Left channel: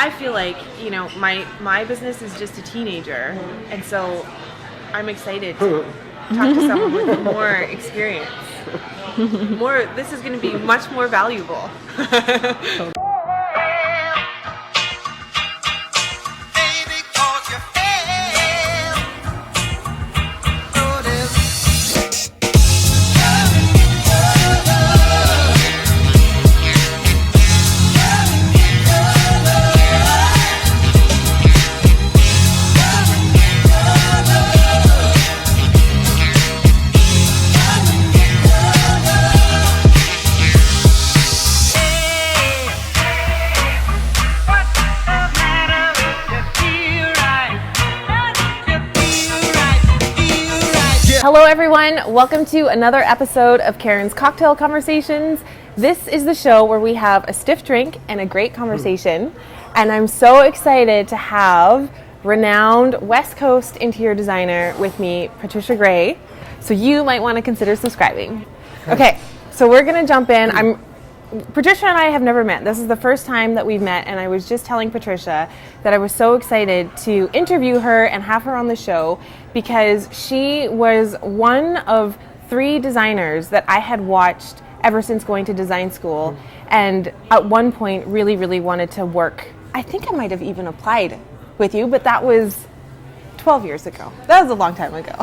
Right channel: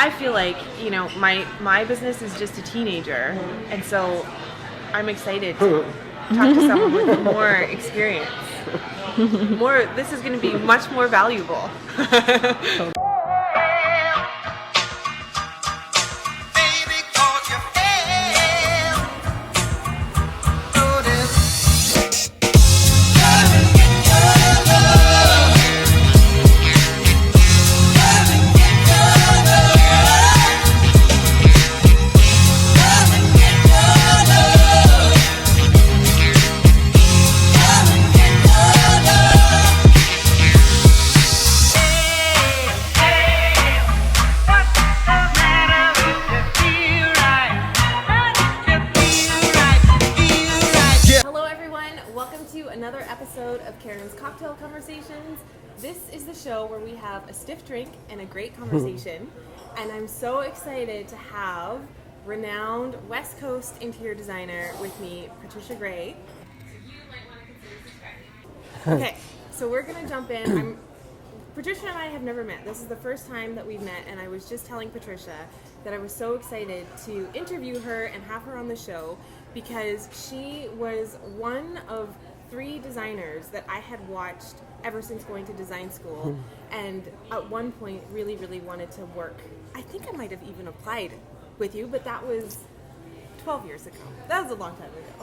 I feel like, my business is just a teenager, and so I'm excited to talk to someone with more experience. This is going to be much more valuable. Hello everyone, welcome to another episode of Karin's Cocktail Conversations. This is the show where we have a stiff drink and a great conversation, and I'm so excited to have renowned West Coast interior designer with me, Patricia Gray, so you might want to consider subscribing. Okay, so we're going to jump in. Patricia and I have never met. This is the first time that we've met, and I was just telling Patricia that I was so excited to interview her and have her on the show because she was one of 3 designers that I had watched ever since going to design school, and at one point really wanted to work. I think I might have even applied with you, but that was 12 years ago. That was a long time ago.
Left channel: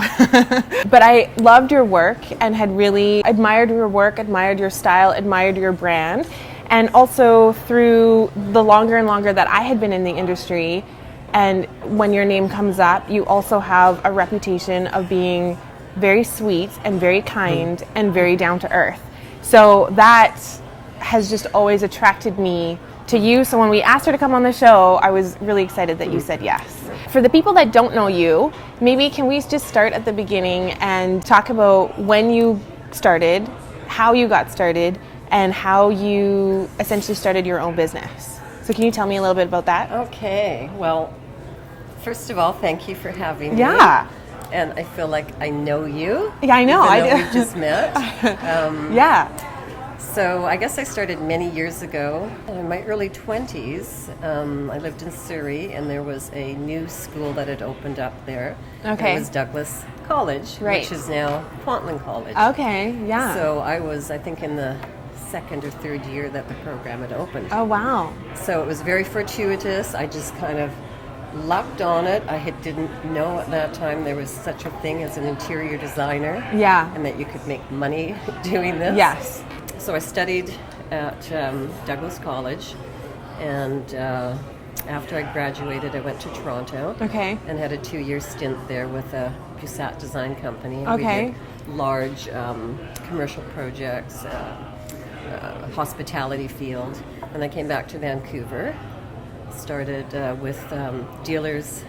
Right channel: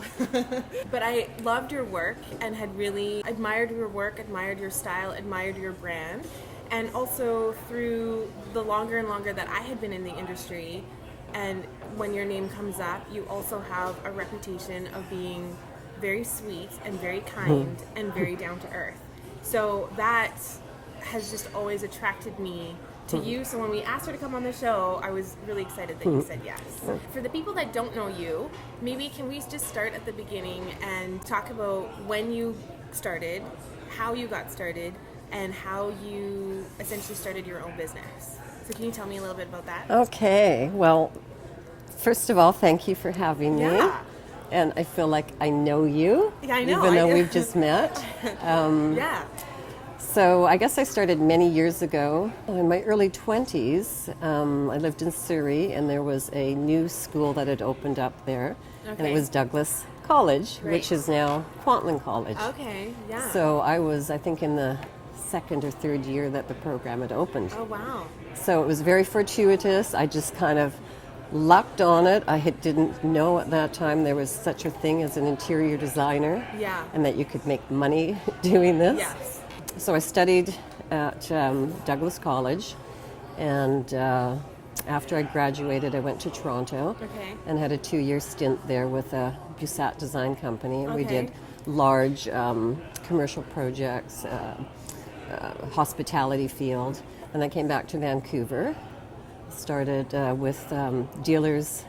But I loved your work and had really admired your work, admired your style, admired your brand. And also through the longer and longer that I had been in the industry, and when your name comes up, you also have a reputation of being very sweet and very kind and very down to earth. So that has just always attracted me to you. So when we asked her to come on the show, I was really excited that you said yes. For the people that don't know you, maybe can we just start at the beginning and talk about when you started, how you got started, and how you essentially started your own business. So can you tell me a little bit about that? Okay, well, first of all, thank you for having me. Yeah. And I feel like I know you. Yeah, I know. Even though we just met. Yeah. So I guess I started many years ago. In my early 20s, I lived in Surrey, and there was a new school that had opened up there. Okay. It was Douglas College, Right. which is now Kwantlen College. Okay, yeah. So I was, I think, in the 2nd or 3rd year that the program had opened. Oh, wow. So it was very fortuitous. I just kind of lucked on it. Didn't know at that time there was such a thing as an interior designer. Yeah. And that you could make money doing this. Yes. So I studied at Douglas College, and after I graduated, I went to Toronto. Okay. And had a 2-year stint there with a Busat design company. Okay. We did large commercial projects, hospitality field. And I came back to Vancouver, started with Dealers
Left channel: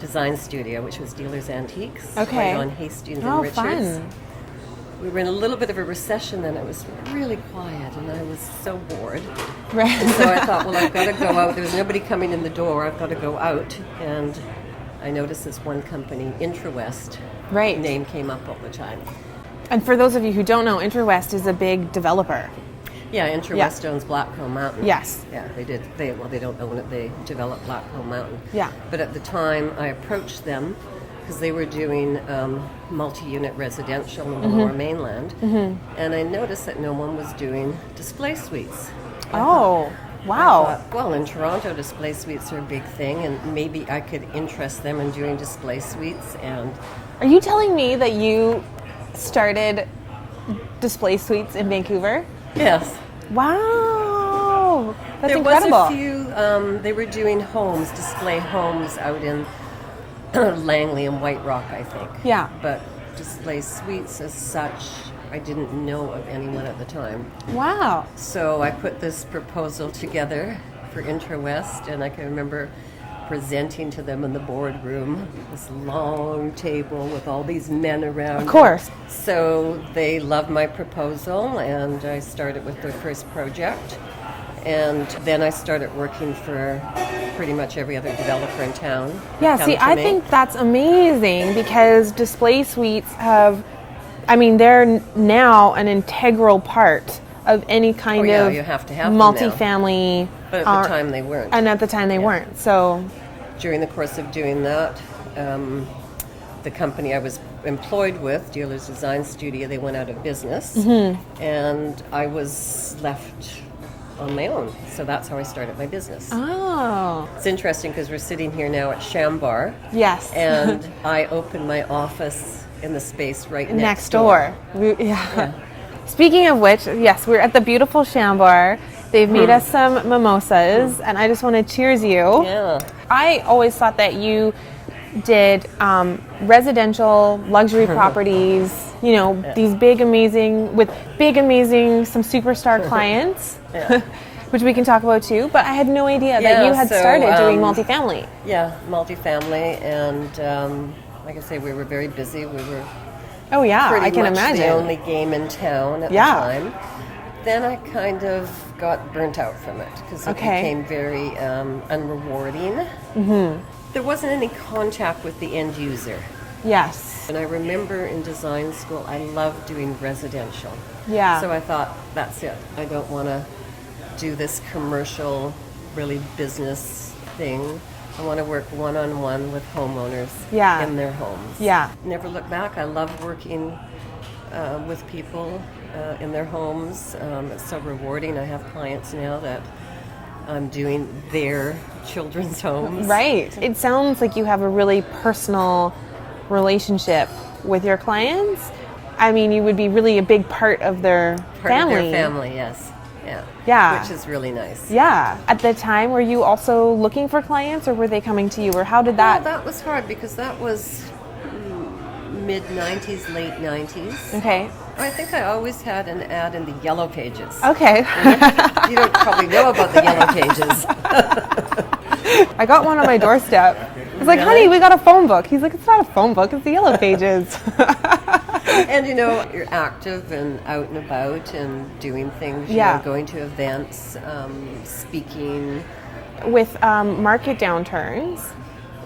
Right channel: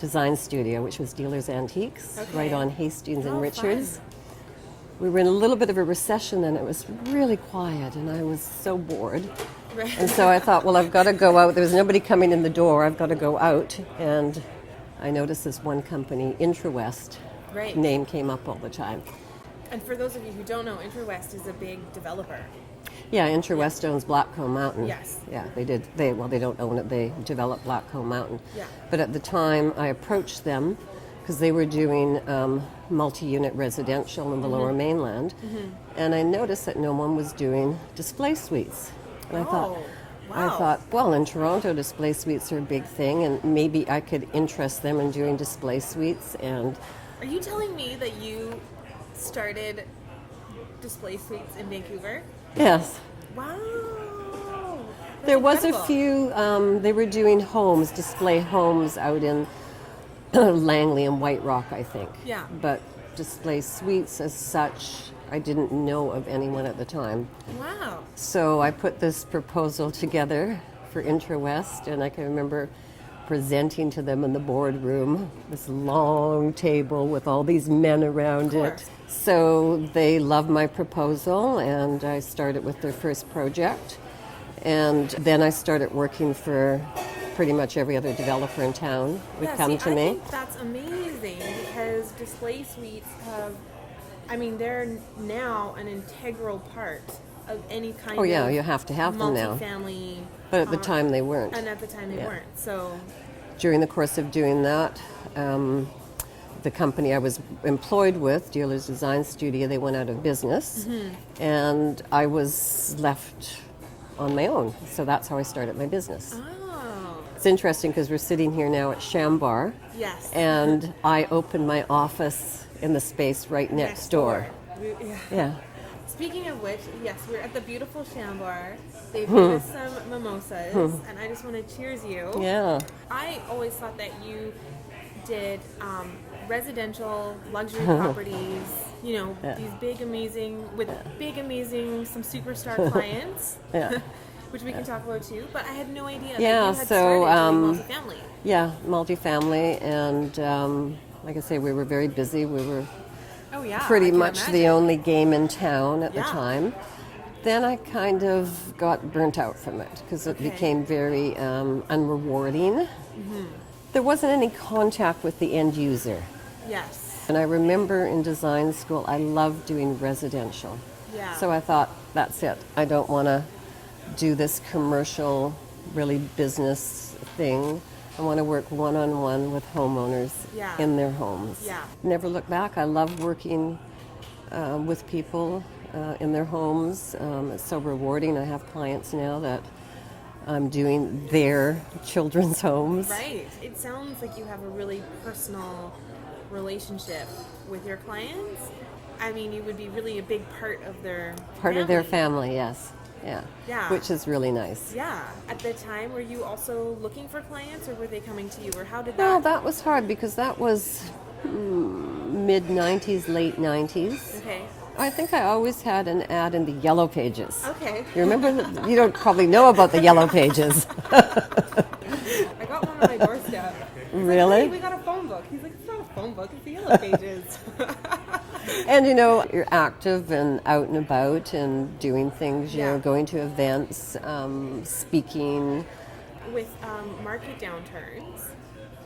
Design Studio, which was Dealers Antiques. Okay. Right on Hastings and Oh, Richards. fun. We were in a little bit of a recession then. It was really quiet, and I was so bored. Right. And so I thought, well, I've got to go out. There was nobody coming in the door. I've got to go out. And I noticed this one company, IntraWest. Right. Name came up all the time. And for those of you who don't know, IntraWest is a big developer. Yeah, IntraWest owns Blackcomb Mountain. Yes. Yeah, they did. They don't own it. They developed Blackcomb Mountain. Yeah. But at the time, I approached them because they were doing multi-unit residential in the Lower Mainland, and I noticed that no one was doing display suites. Wow. I thought, well, in Toronto, display suites are a big thing, and maybe I could interest them in doing display suites. And Are you telling me that you started display suites in Vancouver? yes, Wow. That's there incredible. was a few. They were doing homes, display homes out in Langley and White Rock, I think. Yeah. But display suites as such, I didn't know of anyone at the time. Wow. So I put this proposal together for IntraWest, and I can remember presenting to them in the boardroom, this long table with all these men around. Of course. So they loved my proposal, and I started with their first project. And then I started working for pretty much every other developer in town. Yeah, see, I think that's amazing because display suites have, I mean, they're now an integral part of any kind of you have to have them now. multifamily. But at the time they weren't. And at the time they weren't. So during the course of doing that, the company I was employed with, Dealer's Design Studio, they went out of business, and I was left on my own. So that's how I started my business. Oh. It's interesting because we're sitting here now at Shambar. Yes. And I opened my office in the space right next door. Yeah. Speaking of which, yes, we're at the beautiful Shambar. They've made us some mimosas, and I just want to cheers you. Yeah. I always thought that you did residential luxury properties, you know, these big, amazing, some superstar clients, which we can talk about too, but I had no idea that you had started doing multifamily. Yeah, multifamily, and like I say, we were very busy. We were pretty I can much imagine. the only game in town at the time. Then I kind of got burnt out from it because it became very unrewarding. There wasn't any contact with the end user. Yes. And I remember in design school, I loved doing residential. Yeah. So I thought, that's it. I don't want to do this commercial, really business thing. I want to work one-on-one with homeowners in their homes. Yeah. Never look back. I love working with people in their homes. It's so rewarding. I have clients now that I'm doing their children's homes. Right. It sounds like you have a really personal relationship with your clients. I mean, you would be really a big part of their family. Part of their family, yes. Yeah. Which is really nice. Yeah. At the time, were you also looking for clients, or were they coming to you, or how did that? Well, that was hard because that was mid-90s, late 90s. Okay. I think I always had an ad in the Yellow Pages. Okay. You don't probably know about the Yellow Pages. I got one on my doorstep. I was like, honey, we got a phone book. He's like, it's not a phone book, it's the Yellow Pages. And you know, you're active and out and about and doing things, you know, going to events, speaking. With market downturns,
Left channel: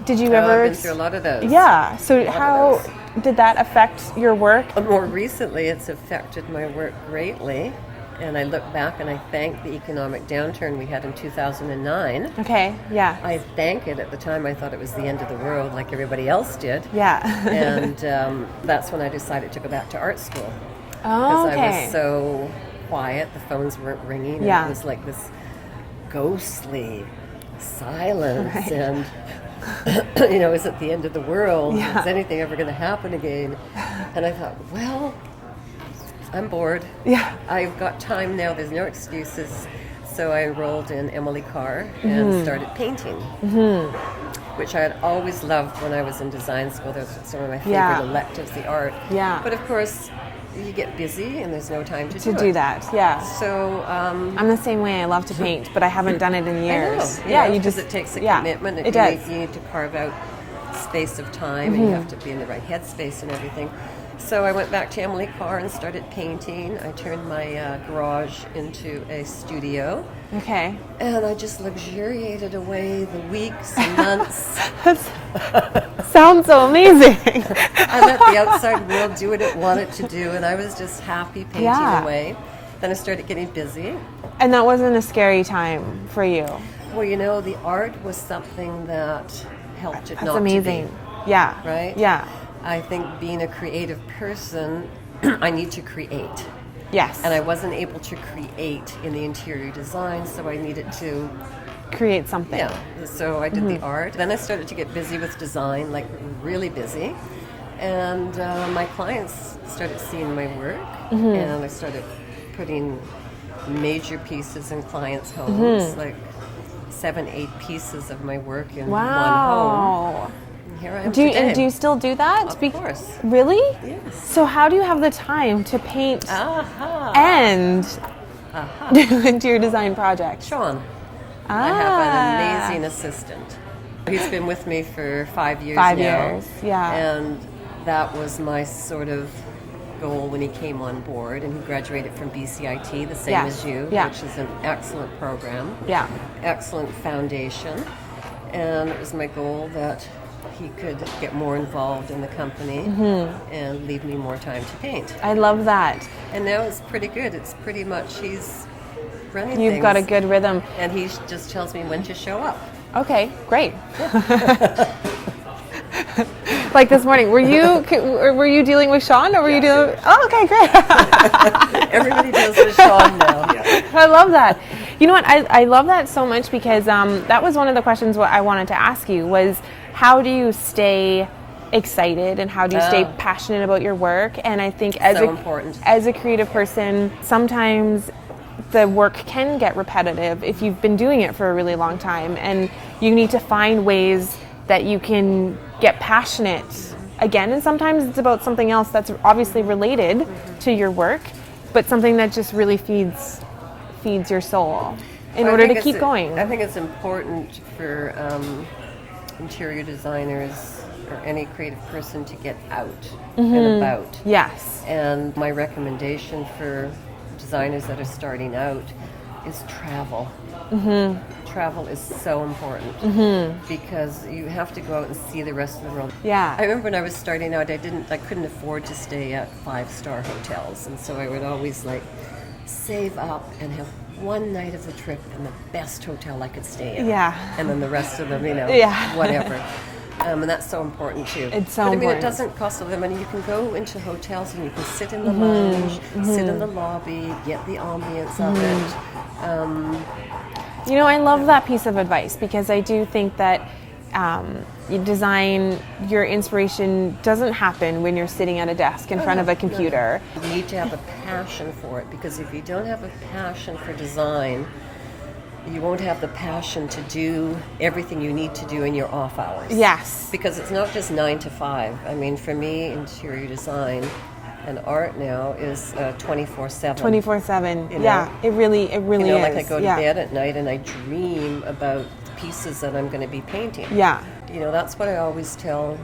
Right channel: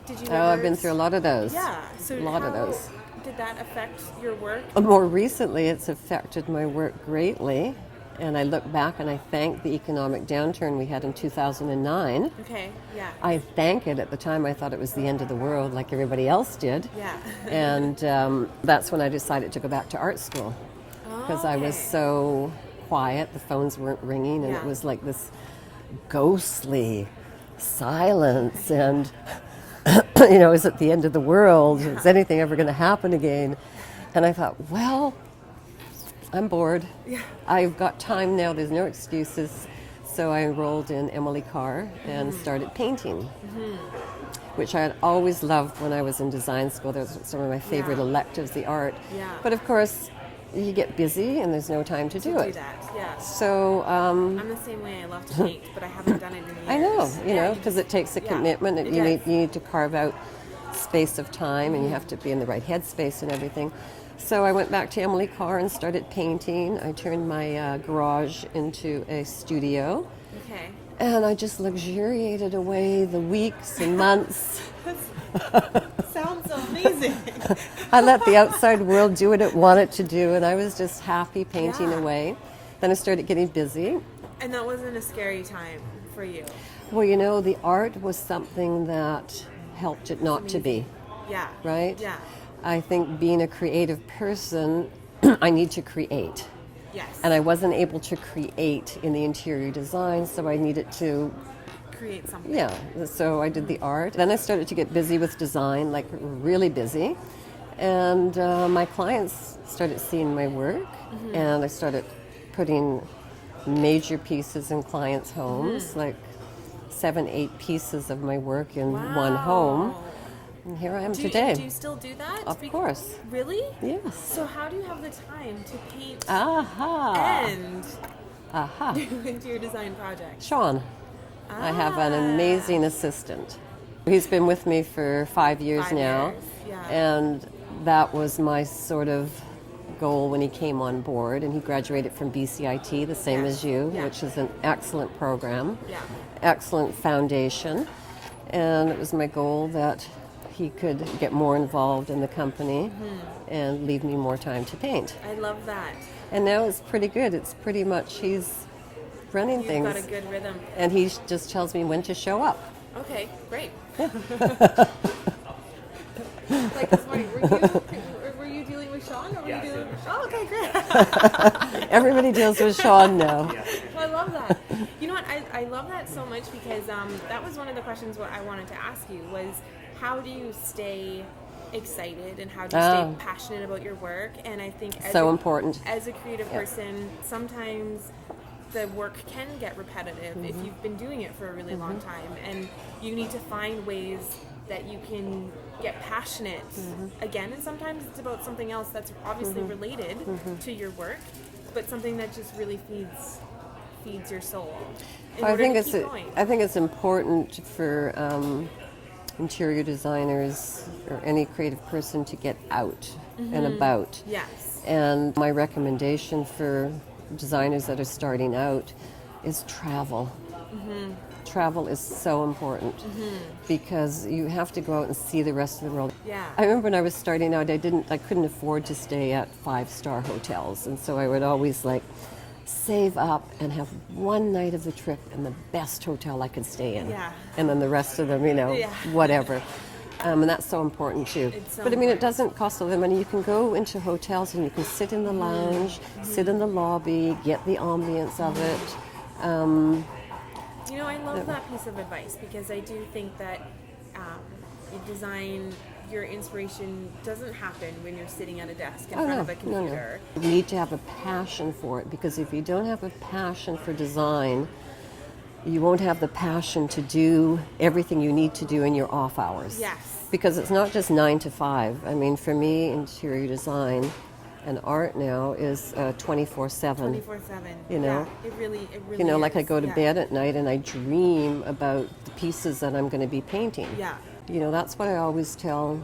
did you ever... I've been through a lot of those. Yeah, so how did that affect your work? More recently, it's affected my work greatly. And I look back and I thank the economic downturn we had in 2009. Okay, yeah. I thank it. At the time, I thought it was the end of the world, like everybody else did. Yeah. And that's when I decided to go back to art school. Oh, okay. Because I was so quiet, the phones weren't ringing, and it was like this ghostly silence. And, you know, is it the end of the world? Is anything ever going to happen again? And I thought, well, I'm bored. Yeah. I've got time now. There's no excuses. So I enrolled in Emily Carr and started painting, which I had always loved when I was in design school. Those were some of my favorite electives, the art. Yeah. But of course, you get busy and there's no time to do that. Yeah. So I'm the same way. I love to paint, but I haven't done it in years. I know. Because it takes a commitment. And you need to carve out space of time, and you have to be in the right headspace and everything. So I went back to Emily Carr and started painting. I turned my garage into a studio. Okay. And I just luxuriated away the weeks and months. Sounds so amazing. I let the outside world do what it wanted to do, and I was just happy painting away. Then I started getting busy. And that wasn't a scary time for you? Well, you know, the art was something that helped it not to be. That's amazing. Yeah. Right? Yeah. I think being a creative person, I need to create. Yes. And I wasn't able to create in the interior design, so I needed to create something. Yeah. So I did the art. Then I started to get busy with design, like really busy. And my clients started seeing my work, and I started putting major pieces in clients' homes, like 7-8 pieces of my work in one home. Here I am today. And do you still do that? Of course. Really? Yes. So how do you have the time to paint and do interior design projects? Sean. I have an amazing assistant. He's been with me for 5 years now. 5 years, yeah. And that was my sort of goal when he came on board. And he graduated from BCIT, the same as you, which is an excellent program. Yeah. Excellent foundation. And it was my goal that he could get more involved in the company and leave me more time to paint. I love that. And now it's pretty good. It's pretty much he's running things. You've got a good rhythm. And he just tells me when to show up. Okay, great. Like this morning, were you dealing with Sean, or were you dealing? Oh, okay, great. Everybody deals with Sean now. Yeah. I love that. You know what? I love that so much because that was one of the questions what I wanted to ask you was how do you stay excited and how do you stay passionate about your work? And I think as a creative person, sometimes the work can get repetitive if you've been doing it for a really long time, and you need to find ways that you can get passionate again. And sometimes it's about something else that's obviously related to your work, but something that just really feeds your soul in order to keep going. I think it's important for interior designers or any creative person to get out and about. Yes. And my recommendation for designers that are starting out is travel. Travel is so important because you have to go out and see the rest of the world. Yeah. I remember when I was starting out, I couldn't afford to stay at 5-star hotels, and so I would always save up and have one night of the trip in the best hotel I could stay in. Yeah. And then the rest of them, whatever. And that's so important too. It's so important. But I mean, important. it doesn't cost a lot of money. You can go into hotels and you can sit in the lounge, sit in the lobby, get the ambience of it. You know, I love that piece of advice because I do think that your inspiration doesn't happen when you're sitting at a desk in front of a computer. You need to have a passion for it, because if you don't have a passion for design, you won't have the passion to do everything you need to do in your off hours. Yes. Because it's not just 9 to 5. I mean, for me, interior design and art now is 24/7. 24/7. You know? Yeah, it really is. Like I go to bed at night and I dream about the pieces that I'm going to be painting. Yeah. That's what I always tell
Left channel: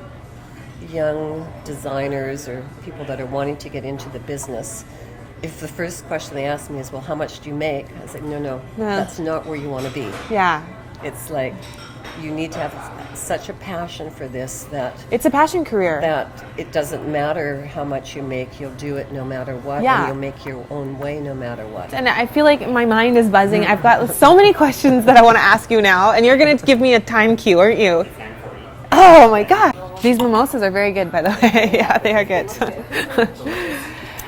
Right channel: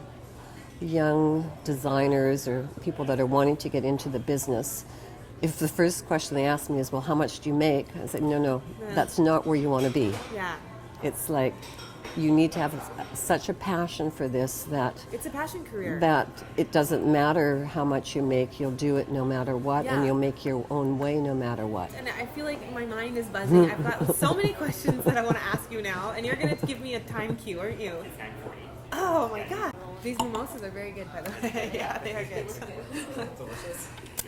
young designers or people that are wanting to get into the business. If the first question they ask me is, well, how much do you make? I say, no, that's not where you want to be. Yeah. It's like you need to have such a passion for this that it's a passion career. That it doesn't matter how much you make, you'll do it no matter what, and you'll make your own way no matter what. And I feel like my mind is buzzing. I've got so many questions that I want to ask you now, and you're going to give me a time cue, aren't you? Oh my God. These mimosas are very good, by the way. Yeah, they are good.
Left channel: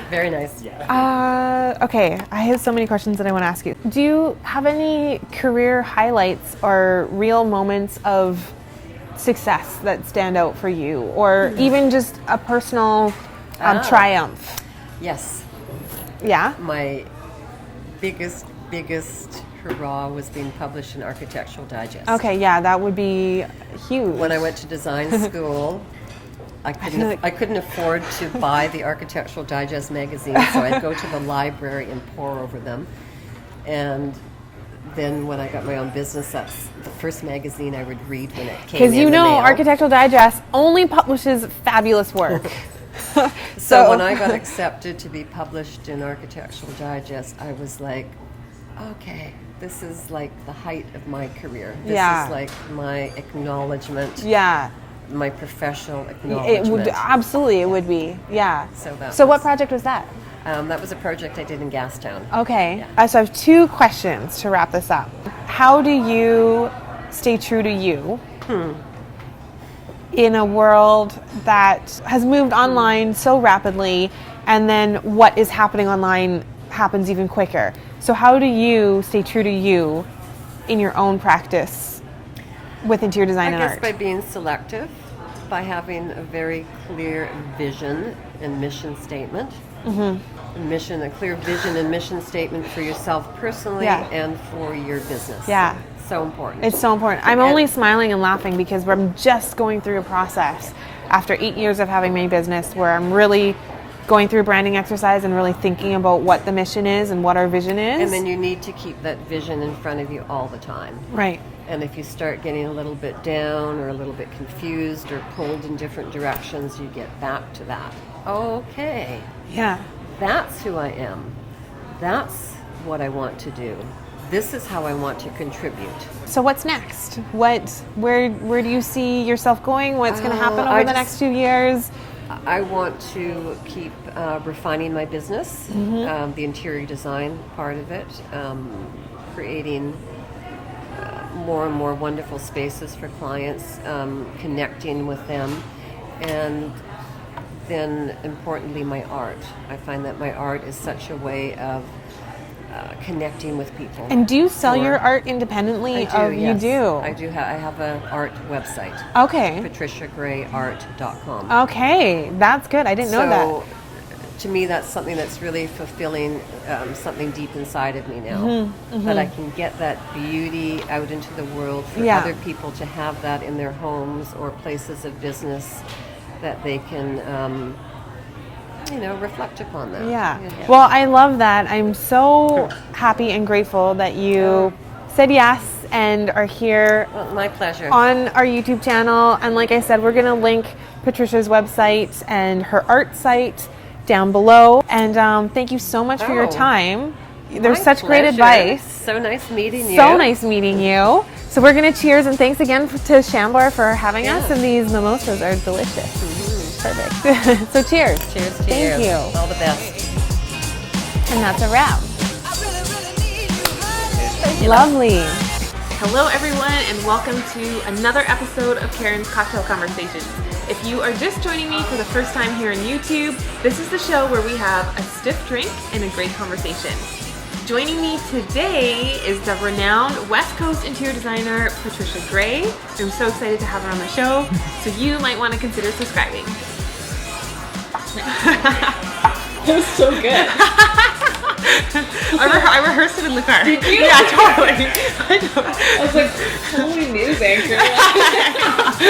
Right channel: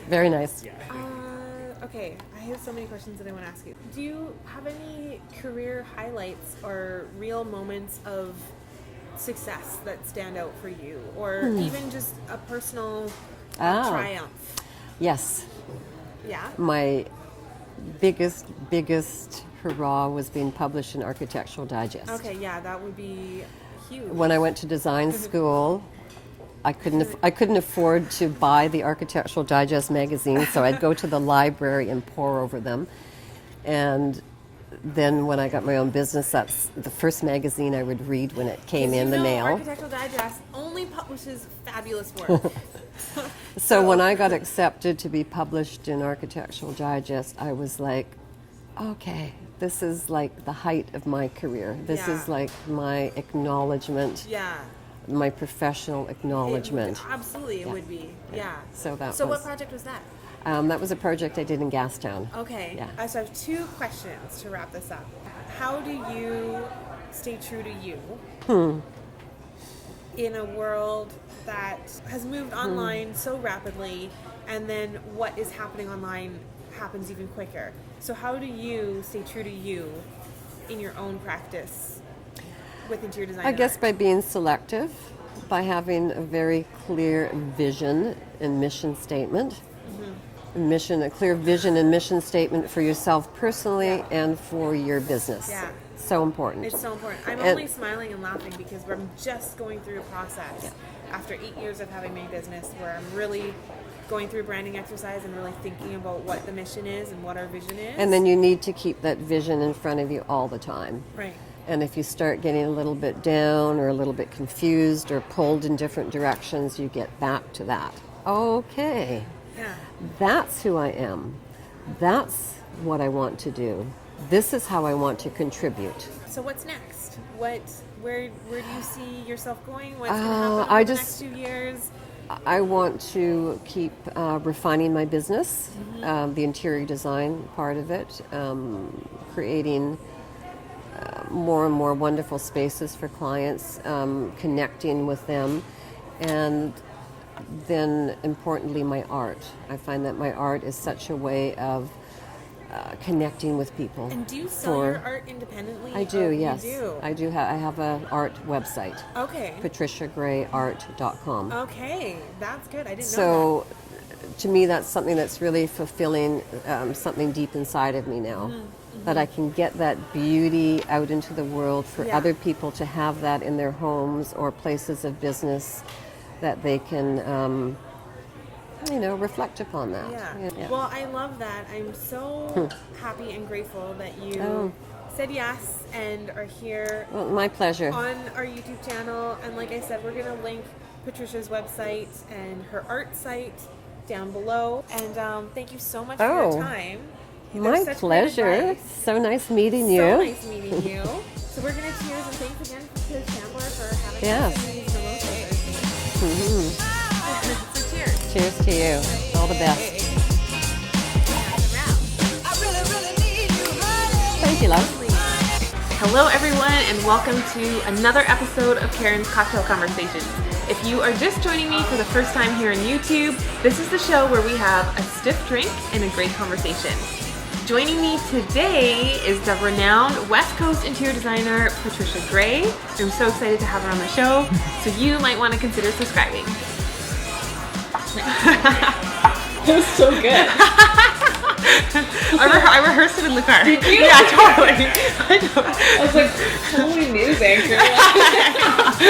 Very nice. Okay, I have so many questions that I want to ask you. Do you have any career highlights or real moments of success that stand out for you, or even just a personal triumph? Yes. Yeah? My biggest hurrah was being published in Architectural Digest. Okay, yeah, that would be huge. When I went to design school, I couldn't afford to buy the Architectural Digest magazine, so I'd go to the library and pore over them. And then when I got my own business, that's the first magazine I would read when it came in. Because Architectural Digest only publishes fabulous work. So when I got accepted to be published in Architectural Digest, I was like, okay, this is like the height of my career. This is like my acknowledgement. Yeah. My professional acknowledgement. It would be. Yeah. So what project was that? That was a project I did in Gastown. Okay. So I have two questions to wrap this up. How do you stay true to you in a world that has moved online so rapidly, and then what is happening online happens even quicker? So how do you stay true to you in your own practice with interior design and art? I guess by being selective, by having a very clear vision and mission statement. A clear vision and mission statement for yourself personally and for your business. Yeah. So important. It's so important. I'm only smiling and laughing because I'm just going through a process after 8 years of having my business where I'm really going through a branding exercise and really thinking about what the mission is and what our vision is. And then you need to keep that vision in front of you all the time. Right. And if you start getting a little bit down or a little bit confused or pulled in different directions, you get back to that. Okay. Yeah. That's who I am. That's what I want to do. this is how I want to contribute. So what's next? Where do you see yourself going? What's going to happen over the next 2 years? I want to keep refining my business, the interior design part of it, creating more and more wonderful spaces for clients, connecting with them, and then importantly my art. I find that my art is such a way of connecting with people. And do you sell your art independently? I do, yes. You do? I do. I have an art website. Okay. patriciagrayart.com. Okay, that's good. I didn't know that. So, to me, that's something that's really fulfilling, something deep inside of me now. That I can get that beauty out into the world for other people to have that in their homes or places of business that they can, reflect upon that. Yeah. Well, I love that. I'm so happy and grateful that you said yes and are here. My pleasure. On our YouTube channel. And like I said, we're going to link Patricia's website and her art site down below. And thank you so much for your time. There's such great advice. So nice meeting you. So nice meeting you. So we're going to cheers, and thanks again to Shambler for having us. And these mimosas are delicious. Perfect. So cheers. Cheers to Thank you. All the best. And that's a wrap. Lovely. Hello everyone, and welcome to another episode of Karin's Cocktail Conversations. If you are just joining me for the first time here on YouTube, this is the show where we have a stiff drink and a great conversation. Joining me today is the renowned West Coast interior designer, Patricia Gray. I'm so excited to have her on the show, so you might want to consider subscribing. It was so good. I rehearsed it in the car. Did you? Yeah, totally. I was like, holy news anchor.